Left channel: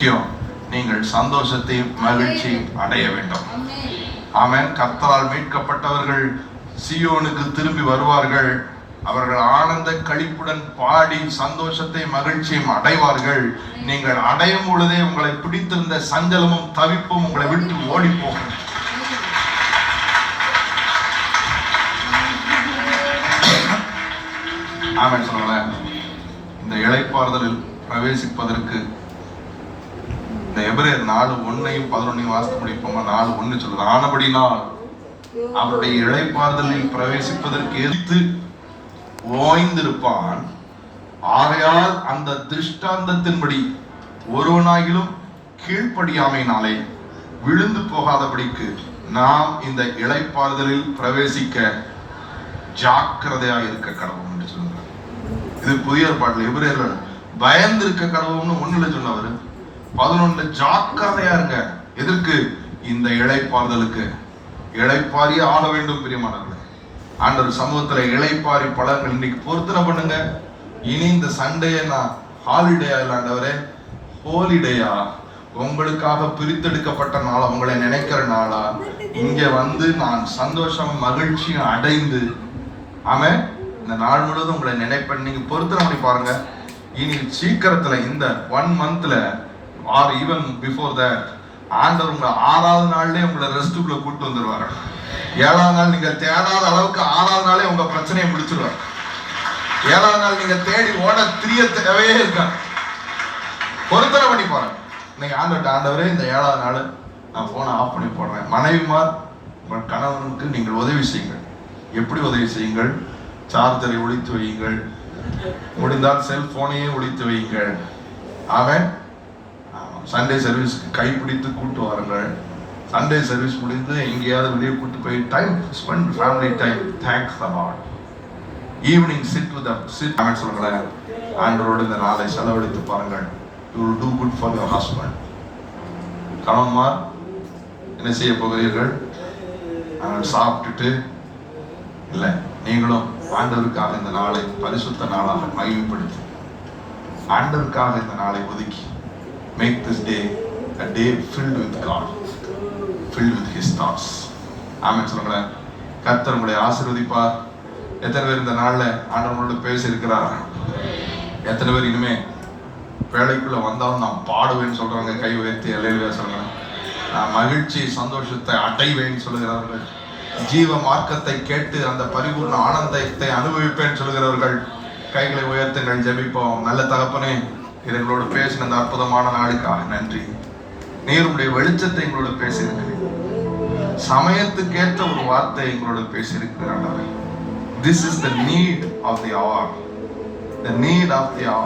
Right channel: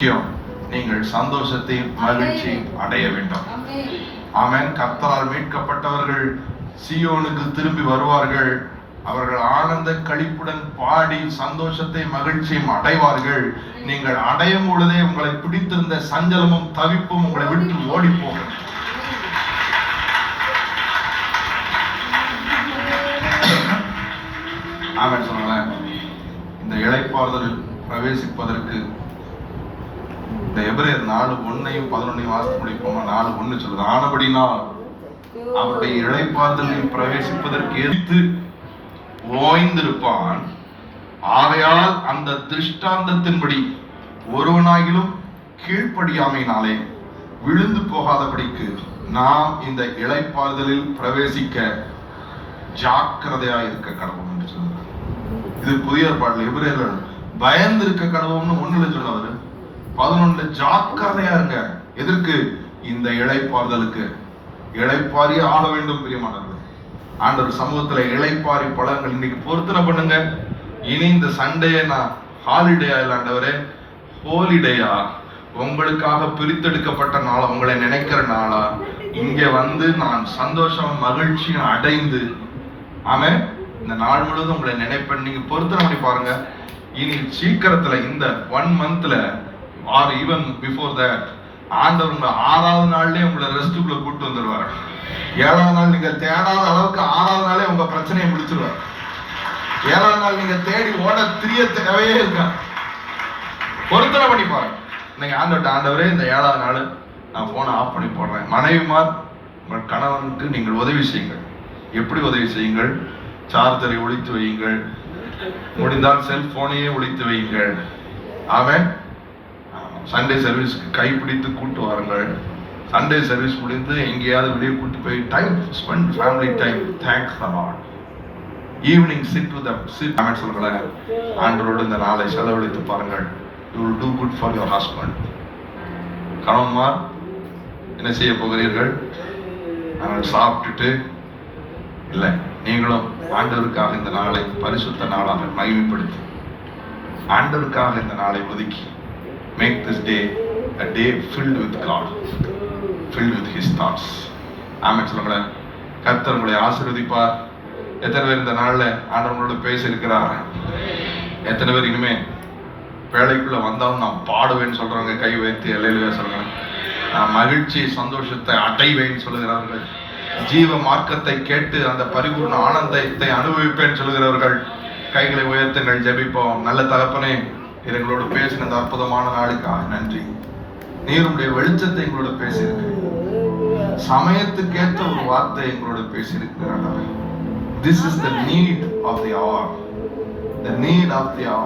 நீங்கள் சந்தோஷத்தை மகிழ்ச்சி அடைய வேண்டும். ஆமென். கர்த்தரால் மீட்கப்பட்டவர்கள் சீயோனுக்கு திரும்பி வருவார்கள். அவர்கள் ஆனந்த களிப்புடன் பாடி சந்தோஷத்தை மகிழ்ச்சியும் அடைவார்கள். நீங்கள் அடையும் பொழுதே உங்களை பிடித்திருந்த சஞ்சலமும் தவிப்பும் உங்களை விட்டு ஓடி போகும். ஆமென் சொல்லுங்களேன். இந்த இளைப்பாறுதலில் பிரவேசிப்பதற்கு இந்த எபிரேயர் 4:1-11 வாசித்து முடிப்போமா? 4:1 சொல்லுது, ஆனபடினால் அவருடைய இளைப்பாறுதலில் பிரவேசிப்பதற்கு எதிர்த்து ஓய்ந்திருப்பான். ஆகையால் அந்த திருஷ்டாந்தத்தின்படி ஒருவனாகிலும் கீழ்ப்படியாமையினாலே விழுந்து போகாதபடிக்கு நாம் இந்த இளைப்பாறுதலில் பிரவேசிக்க ஜாக்கிரதையாக இருக்க கடவுள் என்று சொல்லுகிறார். இது புதிய ஏற்பாட்டில் எபிரேயர்கள் பயந்து இருக்க கடவுள்னு 1 சொன்னவர் 11 ஜாக்கிரதையா இருங்க. எதற்கு? இந்த இளைப்பாறுதலுக்கு. இளைப்பாரி ஆக வேண்டும் பிரியமானவர்களே. ஆண்டவர் சமூகத்துல இளைப்பாரி பழங்கள் இன்னைக்கு பொருத்தனை பண்ணுங்க. இனி இந்த சண்டே நான் ஹாலிடே ஆண்டவரே, ஹோலிடேயா, உங்களுக்காக பிரித்தெடுக்கப்பட்ட நாளா, உங்களை நினைக்கிற நாளா, இங்க வந்து நான் சந்தோஷம் மகிழ்ச்சியும் அடைந்து ஆமென் இந்த நாள் முழுவதும் உங்களை நினைப்பேன். நீங்க பொருத்தனை பண்ணி பாருங்க. இனி சீக்கிரத்துல இந்த 1 மந்த்ல ஆர் ஈவன் பிஃபோர் தட் ஆண்டவர் உங்களை 6வது நாள்லயே உங்களை ரெஸ்ட்டுக்குள்ள கூட்டு வந்துருவாரு. 7வது நாள் நீங்க தேடாத அளவுக்கு 6வது நாளே உங்க பிரச்சனையை முடிச்சிருவார். 7வது நாள் நீங்க தேடி ஓட திரிய தேவையே இருக்க. பொருத்தனை பண்ணி பாருங்க. இன்னைக்கு ஆண்டவரே இந்த 7வது நாள் நான் போனை ஆஃப் பண்ணி போடுறேன். மனைவிமார் உங்கள் கணவனுக்கு நீங்கள் உதவி செய்யுங்கள். எப்படி உதவி செய்யுங்கள்? சார்ஜரை ஒழித்து வையுங்கள். முடிந்தால் செல்போனையே ஒழித்து வையுங்கள். ஆமென். சண்டே சர்வீஸ்க்கு கைப்பிடித்து கூட்டு வாருங்கள். சண்டே சர்வீஸ் முடிந்து எங்கேயாவது வெளியே கூட்டு போய் time spend, family time. Thanks the lord. Evening sit with sit amen சொல்லுங்களேன். ஆண்டவரோடு இந்த நாளை செலவழித்து பாருங்கள். You will do good for your husband. கணவன்மார் என்ன செய்ய போகிறீர்கள்? சாப்பிட்டுட்டு இல்லை, நீங்களும் ஆண்டவருக்காக இந்த நாளை பரிசுத்த நாளாக மகிமைப்படுத்தி ஆண்டவருக்காக இந்த நாளை ஒதுக்கி make this day a day filled with God, filled with His thoughts. ஆமென் சொல்லுங்களேன். கர்த்தர் உங்களை ஆசீர்வதிப்பார். எத்தனை பேர் இந்த நாள்ல ஆண்டவரோட பேசியிருக்கிறார்? எத்தனை பேர் இனிமே வேலைக்குள்ள வந்தாலும் நான் பாடுவேன்னு சொல்றவங்க கை உயர்த்தி அல்லேலூயா சொல்லுங்க. நான் மகிழ்ச்சி சந்தோஷத்தை அடைவேன்னு சொல்லுகிறார்கள். ஜீவ மார்க்கத்தை கேட்டு அந்த பரிபூர்ண ஆனந்தத்தை அனுபவிப்பேன்னு சொல்லுகிறவர்கள் கைகளை உயர்த்துங்கள். ஜெபிப்போம். நல்ல தகப்பனே, எங்களோடு பேசின அந்த அற்புதமான நாளுக்காக நன்றி. நீர் உடைய வெளிச்சத்தை எங்களோட பேசியிருக்கிறீர். சமயத்துக்கேற்ற ஒரு வார்த்தை எங்களோட பேசியிருக்கிறார். This is the need of the hour. The need of the hour.